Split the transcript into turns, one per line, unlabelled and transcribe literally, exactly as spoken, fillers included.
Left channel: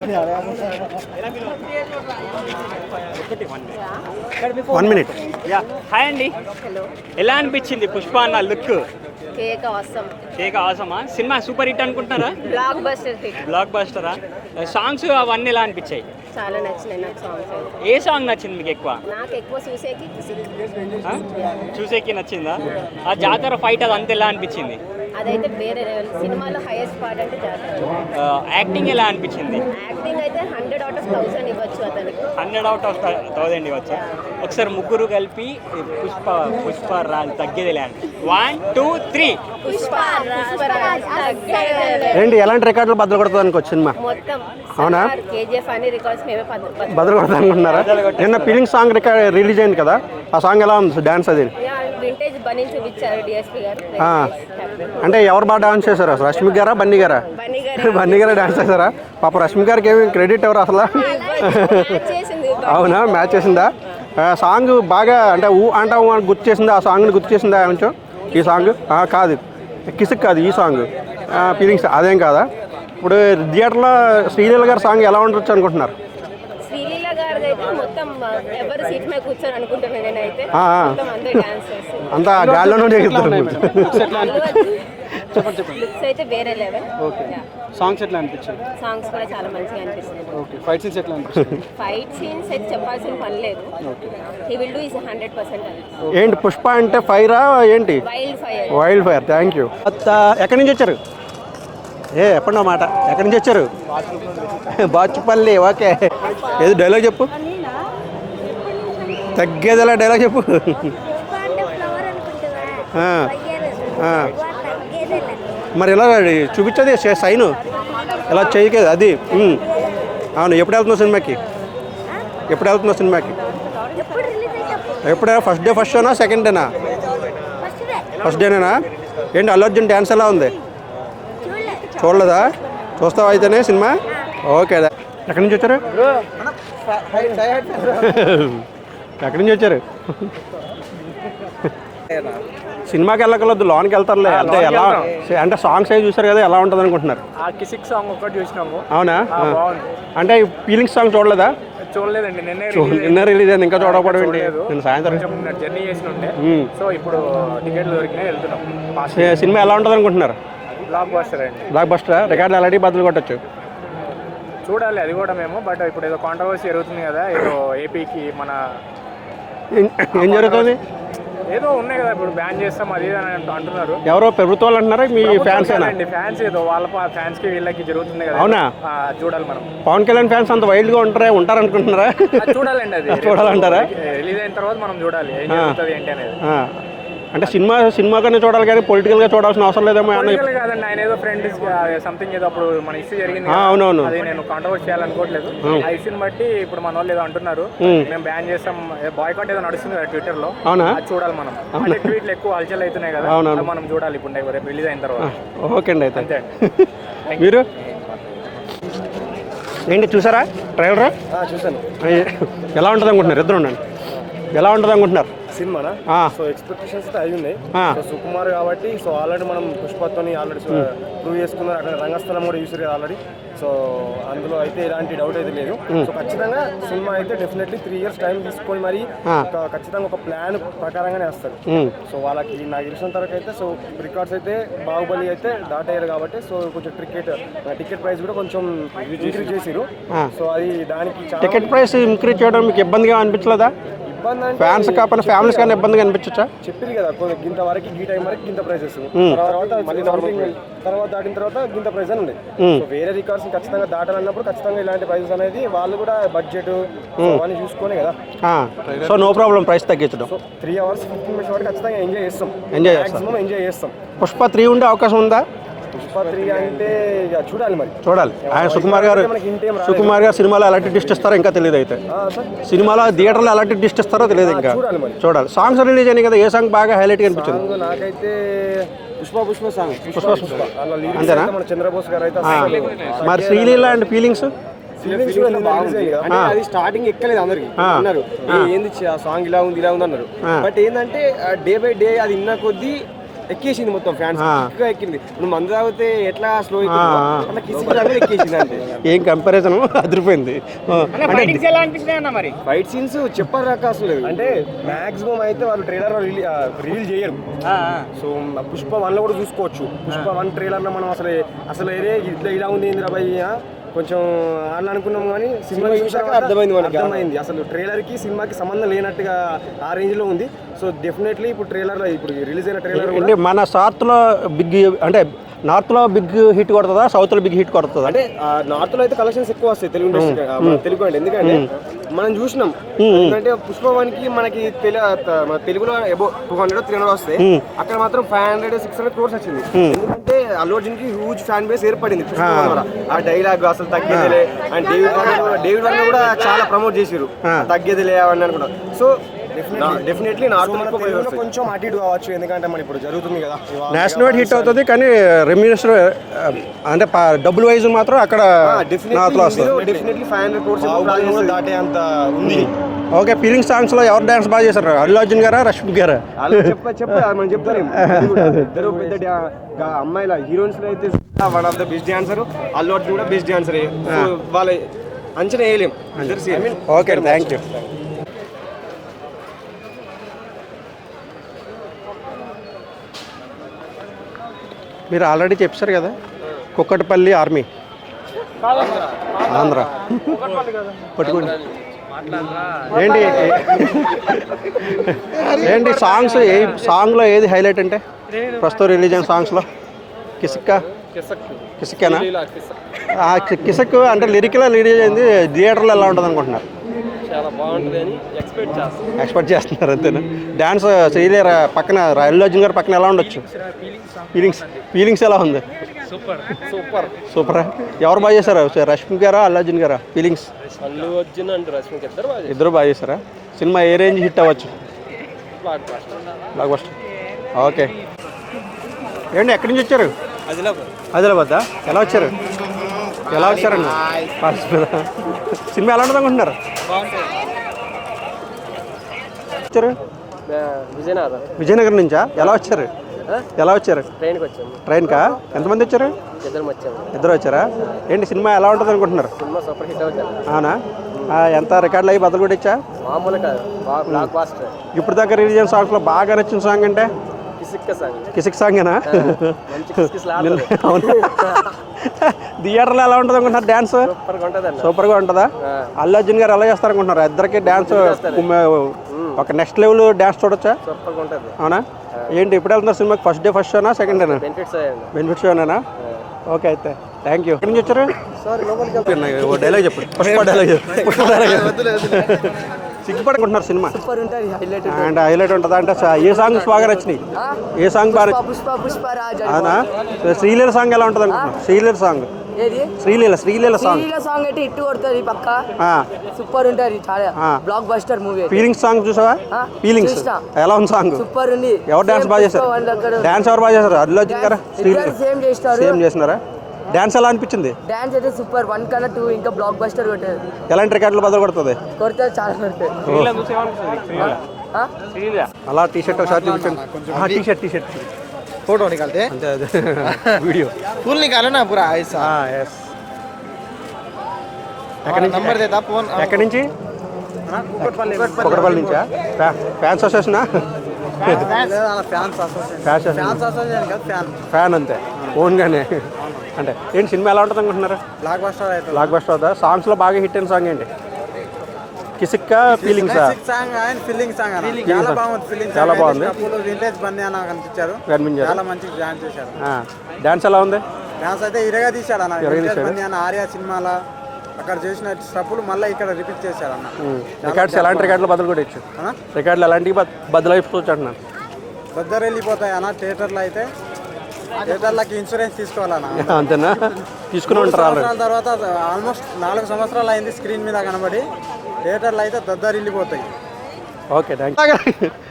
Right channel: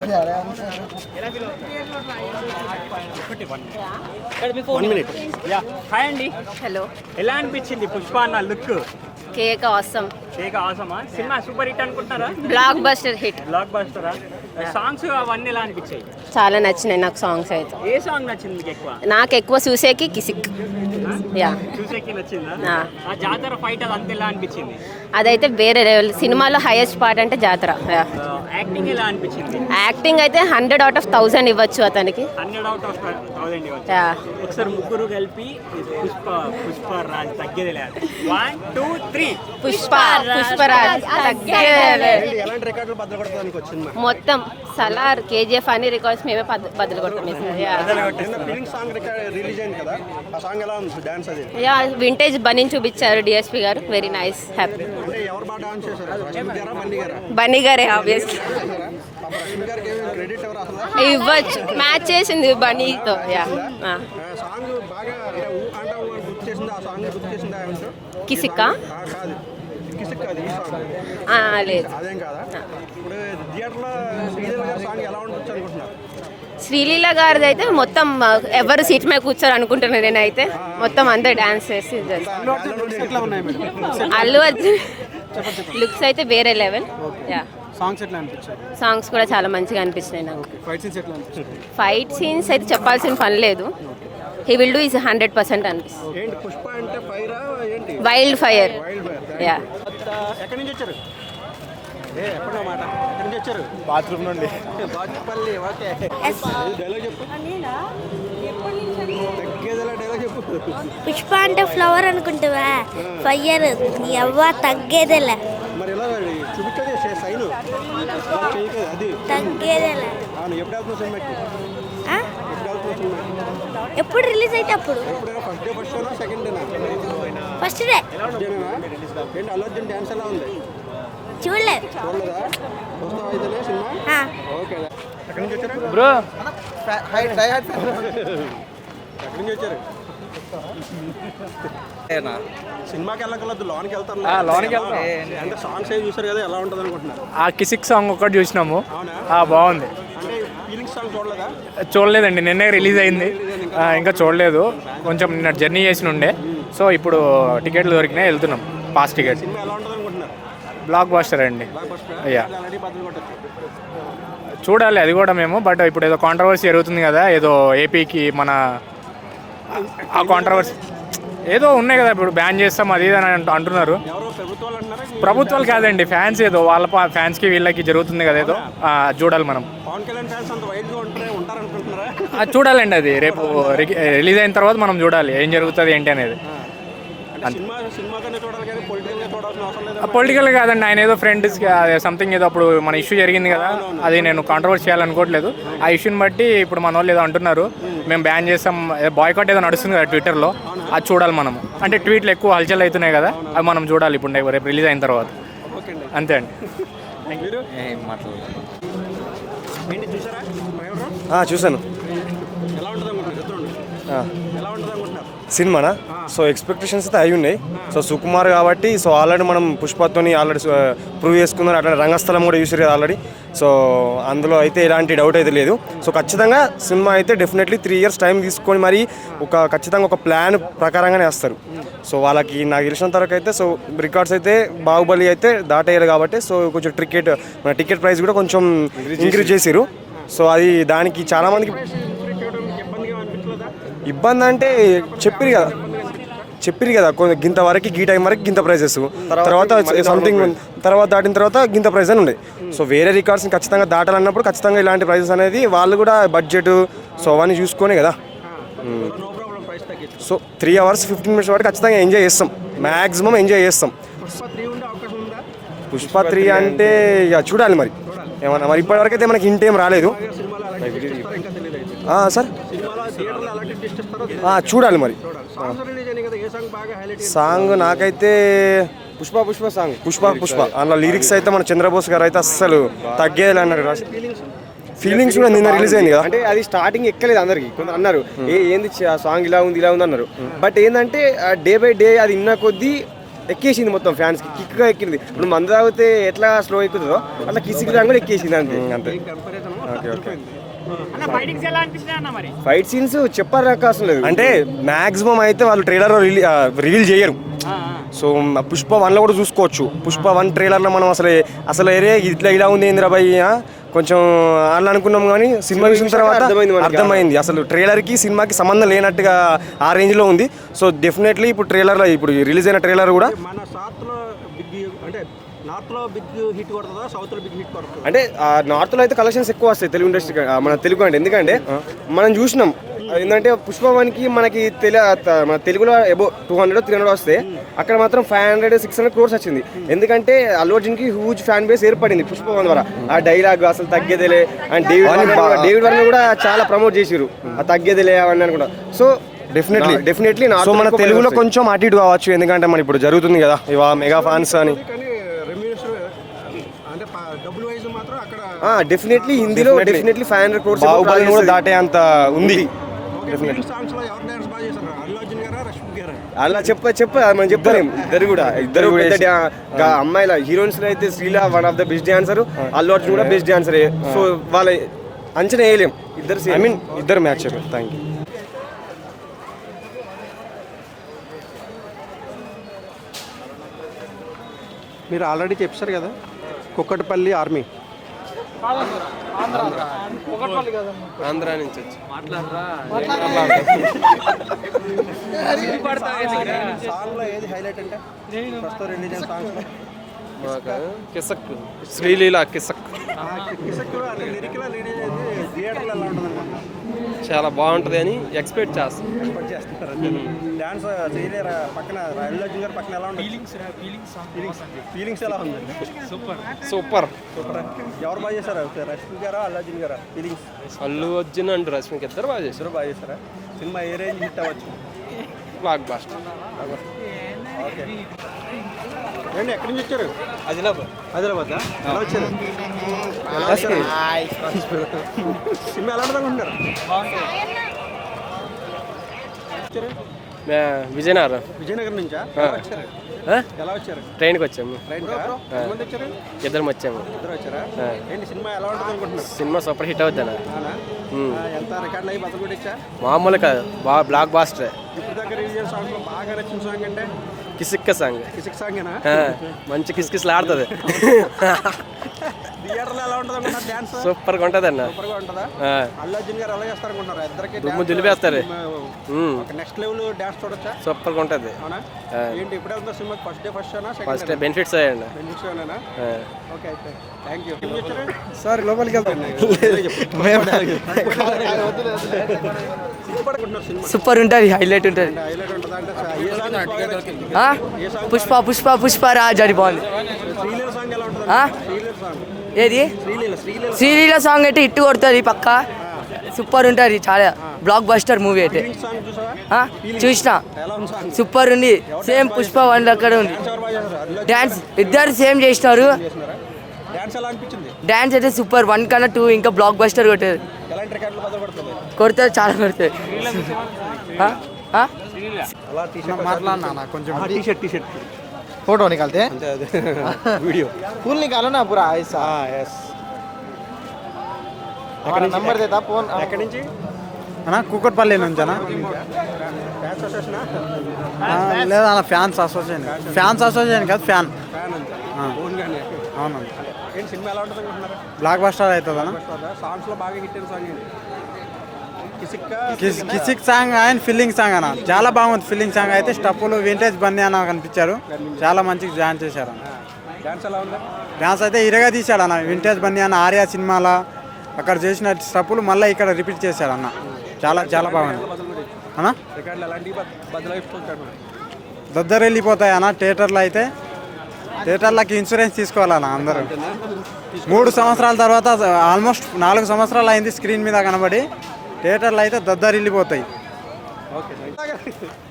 One minute.
Hi అండి.
Hello.
ఎలా అనిపించింది పుష్ప అన్న లుక్?
Cake awesome.
కేక్ ఆసమా? సినిమా సూపర్ హిట్ అనుకుంటారా?
Blockbuster hit.
బ్లాక్ బస్టరా? సాంగ్స్ అవన్నీ ఎలా అనిపించాయి?
చాలా నచ్చినాయి నాకు సాంగ్స్ అయితే.
ఏ సాంగ్ నచ్చింది మీకు ఎక్కువ?
నాకు ఎక్కువ చూసేకి కిసిక్. యా.
చూసేకి నచ్చిందా?
ఆ.
ఆ జాతర ఫైట్ అది అంత ఎలా అనిపించింది?
అదైతే వేరే లెవెల్. సినిమాలో హైయెస్ట్ పార్ట్ అంటే జాతర.
యాక్టింగ్ ఎలా అనిపించింది?
యాక్టింగ్ అయితే హండ్రెడ్ అవుట్ ఆఫ్ థౌసండ్ ఇవ్వచ్చు అతనికి.
హండ్రెడ్ అవుట్ ఆఫ్ థౌసండ్ ఇవ్వచ్చు.
Yeah.
ఒకసారి ముగ్గురు కలిపి పుష్ప పుష్ప రాజ్ తగ్గేది లేదు. One two three.
Pushpa Pushparaj
ఏంటి ఎలాంటి రికార్డులు బద్దలు కొడతానికి సినిమా
మొత్తం సలార్ కేజీఎఫ్ అన్ని రికార్డ్స్ మేమే
బద్దలు కొడతానుకుంటున్నారా? నిన్న ఫీలింగ్ సాంగ్ రికార్డ్ రిలీజ్ అయింది కదా, ఆ సాంగ్ ఎలా ఉంది డాన్స్? అది
యా వింటేజ్ బన్నీ చూపించారు డిఎస్పీ గారు. Very nice. హ్యాపీ.
అంటే ఎవరు బాగా డాన్స్ చేశారు? రష్మి గారా బన్నీ గారా?
బన్నీ గారే.
బన్నీ గారే డాన్స్ చేశారా? పాప రష్మి గారికి ఏమి క్రెడిట్ ఎవరు అసలు?
ఇవ్వచ్చు. మ్యాచ్ చేసింది బన్నీ.
అవునా, మ్యాచ్ చేసిందా? సాంగ్ బాగా అంటే ఊ అంటావు గుర్తు చేసిందా? ఆ సాంగ్ని గుర్తు చేసిందా కొంచెం? ఈ సాంగ్ కాదు, కిసిక్ కాదు, ఈ సాంగ్ ఫీలింగ్స్ అదేం కాదా? ఇప్పుడు థియేటర్లో శ్రీలీల గారి సాంగ్ ఎలా ఉండొచ్చు అనుకుంటున్నారు?
శ్రీలీల గారిది అయితే మొత్తం ఎవరు సీట్ మీద కూర్చోరు అనుకుంటున్నాను నేనైతే. మొత్తం అందరు డాన్స్ చేసి
అంతా గాల్లోనే
అల్లు లుక్స్ అయితే వేరే లెవెల్.
సాంగ్స్ ఎట్లా అనిపించాయి?
సాంగ్స్ కూడా చాలా మంచిగా అనిపించినాయి నాకు.
ఫైట్ సీన్స్ ఎట్లా అనిపించాయి?
ఫైట్ సీన్స్ అయితే చెప్పాల్సిన పని లేదు. He will do is hundred percent అనిపిస్తుంది.
ఏంటి పుష్ప అంటే ఫైరా ఏంటి?
Wild fire.
Wild fire. Thank you. ఎక్కడి నుంచి వచ్చారు? ఏ ఎప్పుడో మాట ఎక్కడి నుంచి వచ్చారు? బాత్రూమ్ నుండి. బాచుపల్లి. ఓకే, ఏది డైలాగ్ చెప్పు, తగ్గేదిలా డైలాగ్ చెప్పు.
పుష్ప అంటే ఫ్లవర్ అనుకుంటావా? ఫైర్ ఎవ్వ తగ్గేదేలా.
మరి ఎలా చూపించది సైన్ ఎలా చేయకేది అది? అవును. ఎప్పుడు వెళ్తున్నావు సినిమాకి? ఎప్పుడు వెళ్తున్నావు సినిమాకి?
ఎప్పుడు రిలీజ్ అయితే అప్పుడు.
ఎప్పుడు? ఫస్ట్ డే ఫస్ట్ షోనా సెకండ్ డేనా?
First day.
ఫస్ట్ డేనేనా? ఏంటి అల్లు అర్జున్ డ్యాన్స్ ఎలా ఉంది?
చూడలేదు.
చూడలేదా? చూస్తావా అయితేనే సినిమా? ఓకే. ఎక్కడి నుంచి వచ్చారు? ఎక్కడి నుంచి వచ్చారు? సినిమాకి వెళ్ళకలేదు, లోనికి వెళ్తారులే. అంటే ఎలా అంటే సాంగ్స్ అవి చూసారు కదా, ఎలా ఉంటుంది అనుకుంటున్నారు?
ఆ కిసిక్ సాంగ్ ఒకటి చూసినాము.
అవునా?
బాగుంది.
అంటే ఫీలింగ్స్ సాంగ్ చూడలేదా?
చూడలేదండి, నిన్నే రిలీజ్ అయింది.
రిలీజ్ అయింది, ఇంకా
చూడలేదు. కొంచెం నిన్న జర్నీ చేసిన ఉండే, సో ఇప్పుడు టికెట్లు దొరికినాయి, వెళ్తున్నాం. ఫాస్ట్.
సినిమా ఎలా ఉంటుంది అనుకుంటున్నారు?
బ్లాక్ బస్టర్ అండి.
Blockbuster. రికార్డు ఆల్రెడీ బదులు కొట్టచ్చు.
చూడాలి అది కూడా మేము. బట్ ఇప్పుడు ఏదో కాంట్రవర్సీ జరుగుతుంది కదా, ఏదో ఏపీకి మన ఏదో ఉన్నాయి కదా, ఇప్పుడు బ్యాన్ చేస్తాం అది అని అంటున్నారు.
ఎవరో ప్రభుత్వాలు అంటున్నారా?
ప్రభుత్వం కాదండి, ఫ్యాన్స్ ఏదో వాళ్ళ ఫ్యాన్స్ కి వీళ్ళకి జరుగుతుంది కదా.
అవునా?
చూడాలి మనం.
పవన్ కళ్యాణ్ ఫ్యాన్స్ అంత వైల్డ్ గా ఉంటారా ఉంటారు అనుకుంటున్నారా?
చూడాలండి, అది రిలీజ్ అయిన తర్వాత మనం చూడాలి ఏం జరుగుతుంది ఏంటి అనేది.
అంటే సినిమా సినిమాగానే చూడాలి కానీ పొలిటికల్ గా చూడాల్సిన అవసరం లేదేమో.
పొలిటికల్ కాదండి, ఆయన ఏదో ఫ్రెండ్ సంథింగ్ ఏదో అప్పుడు మన ఇష్యూ జరిగింది కదా, అది నేను కాంట్రవర్సీ చేయాలనుకోవట్లేదు. ఆ ఇష్యూని బట్టి ఇప్పుడు మన వాళ్ళు ఏదో అంటున్నారు, మేము బ్యాన్ చేస్తాం, బాయ్కాట్ ఏదో నడుస్తుంది కదా ట్విట్టర్ లో, అది చూడాలి మనం. అంటే ట్వీట్లు ఎక్కువ హల్చల్ అవుతున్నాయి కదా, అది మనం చూడాలి ఇప్పుడు రేపు రిలీజ్ అయిన తర్వాత.
ఓకే అండి,
అంతే అండి.
మీరు ఏంటి చూసారా ట్రైలర్?
చూసాను.
ఎలా ఉంటుంది అనుకుంటున్నారు? ఇద్దరు ఉండండి. ఎలా ఉంటుంది అనుకుంటున్నారు
సినిమానా? సో ఎక్స్పెక్టేషన్స్ అయితే అయి ఉన్నాయి. సో సుకుమార్ కాబట్టి సో ఆల్రెడీ మనం పుష్పతోని ఆల్రెడీ ప్రూవ్ చేసుకుందాం. అట్లా రంగస్థలం కూడా చూసారు కదా ఆల్రెడీ. సో అందులో అయితే ఎలాంటి డౌట్ అయితే లేదు. సో ఖచ్చితంగా సినిమా అయితే డెఫినెట్లీ త్రీ ఇయర్స్ టైం తీసుకొని మరి ఒక ఖచ్చితంగా ఒక ప్లాన్ ప్రకారంగానే వేస్తారు. సో వాళ్ళకి నాకు తెలిసినంత వరకు అయితే సో రికార్డ్స్ అయితే బాహుబలి అయితే దాటేయాలి కాబట్టి సో కొంచెం టికెట్ మన టికెట్ ప్రైస్ కూడా కొంచెం ఇంక్రీజ్ చేసారు. సో అది దానికి చాలా మంది
ప్రైస్ ఇంక్రీజ్ చేయడం మీకు ఇబ్బందిగా అనిపించలేదా?
ఇబ్బంది అంటే
ఇబ్బందిగా అనిపించచ్చా?
చెప్పిరు కదా గింత వరకు గీ టైం వరకు గింత ప్రైజెస్, తర్వాత సంథింగ్ తర్వాత దాటిన తర్వాత గింత ప్రైజ్ అని ఉండే. సో వేరే రికార్డ్స్ ఖచ్చితంగా దాటాలన్నప్పుడు ఖచ్చితంగా ఇలాంటి ప్రైజెస్ అనేది వాళ్ళు కూడా బడ్జెట్ సో అవన్నీ చూసుకునే కదా.
సో నో ప్రాబ్లం ప్రైస్ తగ్గించడం.
So three hours fifteen minutes వరకు ఖచ్చితంగా ఎంజాయ్ చేస్తాం, మాక్సిమం ఎంజాయ్ చేస్తాం.
పుష్ప త్రీ ఉండే అవకాశం ఉందా?
పుష్ప త్రీ అంటే చూడాలి మరి
చూడాలి.
మనకి ఇంటేం రాలేదు.
సుకుమార్ గారు సినిమాలో ఎలాంటి ట్విస్ట్ ఇస్తారో ఇంకా తెలియదు. అయితే
సార్
సినిమాలో థియేటర్లో ఎలాంటి ట్విస్ట్ ఇస్తారో తెలియదు,
చూడాలి మరి
చూడాలి. సాంగ్స్ రిలీజ్ అయినాయి కదా, ఏ సాంగ్ బాగా హైలైట్?
సాంగ్ నాకైతే పుష్ప పుష్ప సాంగ్ పుష్ప పుష్ప అందులో లిరిక్స్ అయితే మన చంద్రబోస్ గారు అయితే అసలు తగ్గేయాలి.
ఫీలింగ్స్
ఫీలింగ్స్ కూడా నిన్న రిలీజ్ అయింది కదా.
అది స్టార్టింగ్ ఎక్కలేదు అందరికి అన్నారు ఏంది సాంగ్ ఇలా ఉంది ఇలా ఉంది అన్నారు. బట్ ఏంటంటే డే బై డే అది విన్న కొద్దీ ఎక్కేసింది మొత్తం ఫ్యాన్స్ కిక్గా ఎక్కింది. ఇప్పుడు మందు తాగితే ఎట్లా స్లో అవుతుందో అట్లా కిసిక్ రాంగ్ కూడా ఎక్కేసింది అంతే.
ఏం కంపారిజన్ అదిరిపోయింది.
ఫైటింగ్స్ ఎలా అనిపించినాయి అన్న మరి?
ఫైట్ సీన్స్ చెప్పాలని అవసరం లేదు.
అంటే మాక్సిమం అయితే వాళ్ళు ట్రైలర్ రివీల్ చేయరు. సో పుష్ప వన్ లో కూడా చూసుకోవచ్చు. పుష్ప వన్ ట్రైలర్ లో మనం అసలు అసలు ఏరే ఇట్లా ఇలా ఉంది ఏందిరా భయ్య కొంచెం అలా అనుకున్నాం, కానీ సినిమా చూసిన తర్వాత అర్థమైంది అసలు ట్రైలర్ కి సినిమాకి సంబంధం లేనట్టుగా ఆ రేంజ్ లో ఉంది. సో డెఫినెట్లీ ఇప్పుడు ట్రైలర్ ఇప్పుడు రిలీజ్ అయిన ట్రైలర్ కూడా
మన సార్త్ లో బిగ్ అంటే నార్త్ లో బిగ్ హిట్ కొడుతుందా, సౌత్ లో బిగ్ హిట్ కొడుతుందా?
అంటే నార్త్ లో అయితే కలెక్షన్స్ ఎక్కువ వస్తాయి తెలుగు ఇండస్ట్రీ మన తెలుగు అంటే. ఎందుకంటే మనం చూసినాం ఏంటంటే పుష్పవానికి మనకి తెలు మన తెలుగులో above two hundred three hundred వస్తే అక్కడ మాత్రం five hundred six hundred crores వచ్చింది. ఎందుకంటే అల్లు అర్జున్ కి హ్యూజ్ ఫ్యాన్ బేస్ ఏర్పడింది పుష్పవన్ ద్వారా. ఆ డైలాగ్ అసలు తగ్గేదిలే అండ్ డేవిడ్ డేవిడ్ వర్మ కూడా చాలా ప్రమోట్ చేసారు తగ్గేదిలే అని కూడా. సో
డెఫినెట్లీ
డెఫినెట్లీ
సో మన తెలుగులో కొంచెం అటు ఇటు కావచ్చు, ఎందుకంటే మన ఇప్పుడు జరుగుతుంది కదా
హిట్ అవుతుంది, కానీ రెమ్యూనరేషన్ అంటే డబ్బుల్ వైజ్ మాత్రం అక్కడ
డెఫినెట్లీ హిందీలో డెఫినెట్లీ ఫైవ్ హండ్రెడ్ క్రోర్స్
కూడా దాటే అంత ఉంది.
ఓకే, ఫీలింగ్ సాంగ్స్ లో ఎవరు డాన్స్ బాగా చేశారు? అల్లు అర్జున్ గారా, రష్మిక గారా?
వాళ్ళు చెప్ప చెప్ప మనం చెప్తాం ఇద్దరు కూడా ఇద్దరు అమ్మాయిల హీరోయిన్స్ లో అయితే Sreela one of the best dancer, Allu Arjun కూడా బెస్ట్ డాన్సర్. సో వాళ్ళ అంచనా వేయలేం.
I mean okay, thank you thank you.
మీరు ఆల్రెడీ చెప్పారు కదా కుక్కటపల్లి ఆర్మీ ఆంధ్ర ఏంటి ఏంటి సాంగ్స్ ఏ సాంగ్లో ఏది హైలైట్ అంటే ప్రస్తుతం రిలీజ్ అయిన సాంగ్స్లో? కిసక్క కిసక్ అంటే లిరికల్ రిలీజ్ అయింది, థియేటర్లో ఎలా ఉంటుంది అనుకుంటున్నారు?
చాలా బాగుంటుంది అని ఎక్స్పెక్ట్ చేస్తాం
ఎక్స్పెక్ట్ చేస్తున్నారు అంతేనా? డ్యాన్స్ శ్రీలేర పక్కన అల్లు అర్జున్ గారు పక్కన ఎలా ఉండొచ్చు? ఫీలింగ్స్ ఫీలింగ్స్ ఎలా ఉంది?
సూపర్ సూపర్
సూపరా? ఎవరు బాగా చేశారా, రష్మిక గారా అల్లు అర్జున్ గారా? ఫీలింగ్స్
అల్లు అర్జున్ అండ్ రష్మిక ఇద్దరు బాగా చేశారు.
ఇద్దరు బాగా చేశారా? సినిమా ఏ రేంజ్ హిట్ అవ్వచ్చు?
Blockbuster
blockbuster. Okay, ఏంటి ఎక్కడి నుంచి వచ్చారు? ఆదిలాబాద్. ఎలా వచ్చారు? ఎలా వచ్చారండి? సినిమా ఎలా ఉంటుంది అనుకుంటున్నారు? వచ్చారు
విజయనగరం.
విజయనగరం నుంచా? ఎలా వచ్చారు? ఎలా వచ్చారు?
ట్రైన్కి వచ్చాము.
ట్రైన్కా? ఎంతమంది వచ్చారు?
ఇద్దరం వచ్చాము.
ఇద్దరు వచ్చారా? ఏంటి సినిమా ఎలా ఉంటుంది అనుకుంటున్నారు?
సినిమా సూపర్ హిట్ అవుతుంది.
అవునా? ఎంత రికార్డులు అయ్యి బదులు కూడా ఇచ్చా?
మామూలు కాదు, బాగా బ్లాక్ బాస్టర్.
ఇప్పుడు దాకా రిలీజ్ అయిన సాంగ్స్లో బాగా నచ్చిన సాంగ్ అంటే
కిసిక్క సాంగ్.
కిసిక్ సాంగేనా?
మంచి కిస్కిస్లు ఆడుతుంది.
థియేటర్లో ఎలా ఉంటుంది అనుకుంటున్నారు డ్యాన్స్?
సూపర్గా ఉంటుంది అన్న.
సూపర్గా ఉంటుందా? అల్లు అర్జున్ గారు ఎలా చేస్తారు అనుకుంటున్నారు? ఇద్దరికి డ్యాన్స్ ఒక నెక్స్ట్ లెవెల్ డ్యాన్స్ చూడొచ్చా?
సూపర్గా ఉంటుంది.
అవునా? ఏంటి ఎప్పుడు వెళ్తున్నారు సినిమాకి? ఫస్ట్ డే ఫస్ట్ షోనా, సెకండ్ డేనా?
బెనిఫిట్స్ అయ్యండి.
బెనిఫిట్స్ షోనేనా? ఓకే, అయితే థ్యాంక్ యూ. ఎక్కడి నుంచి వచ్చారు?
సార్ లోపలికి
సిగ్గుపడుకుంటున్నారు సినిమా
సూపర్ ఉంటుంది, హైలైట్ ఉంటుంది.
అంటే హైలైట్ ఉంటుందా? అంటే ఏ సాంగ్స్ బాగా నచ్చినాయి? ఏ సాంగ్?
పుష్ప పుష్ప పుష్ప రాజ్ అని
శ్రీలీల సాంగ్ ఎలా ఉంటుంది? శ్రీలీల సాంగ్
ఏది?
శ్రీలీల శ్రీలీల
శ్రీలీల సాంగ్ అయితే ఇట్టు కొడుతుంది పక్క. సూపర్ ఉంటుంది, చాలా blockbuster movie.
Feelings song చూసావా?
చూసిన.
ఎలా ఉంది సాంగ్?
సూపర్ ఉంది.
ఎవరు డాన్స్ బాగా చేశారు? డాన్స్ ఎవరు బాగా చేశారు? అల్లు అర్జున్ గారు?
ఇద్దరు సేమ్ చేసినారు.
చేసినారా? డాన్స్ ఎలా అనిపించింది?
డాన్స్ అయితే సూపర్, వన్ కన్నా టూ ఇంకా బ్లాక్ బస్టర్ కొట్టేది.
ఎలాంటి రికార్డులు బదులు కొడుతుంది?
కొడుతుంది, చాలా కొడుతుంది.
అలా టీ షర్ట్ షార్ట్ చూపించండి. T shirt T shirt
photo निकालते हैं
वीडियो
फुल निकालो ना पूरा ऐसा.
हाँ यस. ఎక్కడి నుంచి?
नंबर देता फोन
ఎక్కడి నుంచి?
కుక్కట్పల్లి
కుక్కట్పల్లి నుంచా? ఫ్యాన్స్ అసోసియేషనా?
లేదా ఫ్యాన్స్ అసోసియేషన్. ఫ్యాన్స్ అసోసియేషన్ కాదు, ఫ్యాన్
ఫ్యాన్ అంతే ఓన్గానే. అంటే ఏంటి సినిమా ఎలా ఉంటుంది అనుకుంటున్నారు?
బ్లాక్ బస్టర్ అయితే
బ్లాక్ బస్టర్ అవుతా? సాంగ్స్లో బాగా హిట్ అయిన సాంగ్ ఏంటి? Kissik feelings
Kissik song and feeling song అన్న చాలా బాగుంది. ఫీలింగ్ సాంగ్ అయితే స్టెప్పులు వింటేజ్ బన్నీ అన్న కనిపించారు, చాలా మంచిగా డాన్స్ చేశారు.
డాన్స్ ఎలా ఉంది?
డాన్స్ అయితే ఇరగా తీశాడు అన్న. వింటేజ్ బన్నీ అన్న ఆర్యా సినిమాలో అక్కడ చేసిన స్టెప్పులు మళ్ళీ ఇక్కడ రిపీట్ చేశారు అన్న.
చాలా ఎలాంటి రికార్డులు బదులు కూడా ఇచ్చు? రికార్డులు ఎలాంటివి బదులు అయిపోవచ్చు అంటున్నాను.
దద్దరు వెళ్ళిపోతాయి అన్న. థియేటర్లో అయితే థియేటర్లకి ఇన్సూరెన్స్ తీసుకోవాలన్నా.
అంతేనా?
మూడు సంవత్సరాల తర్వాత ఆల్మోస్ట్ నాలుగు సంవత్సరాలు అయింది స్క్రీన్ మీద కనబడి. థియేటర్లో అయితే దద్దరు వెళ్ళిపోతాయి.
Okay thank you.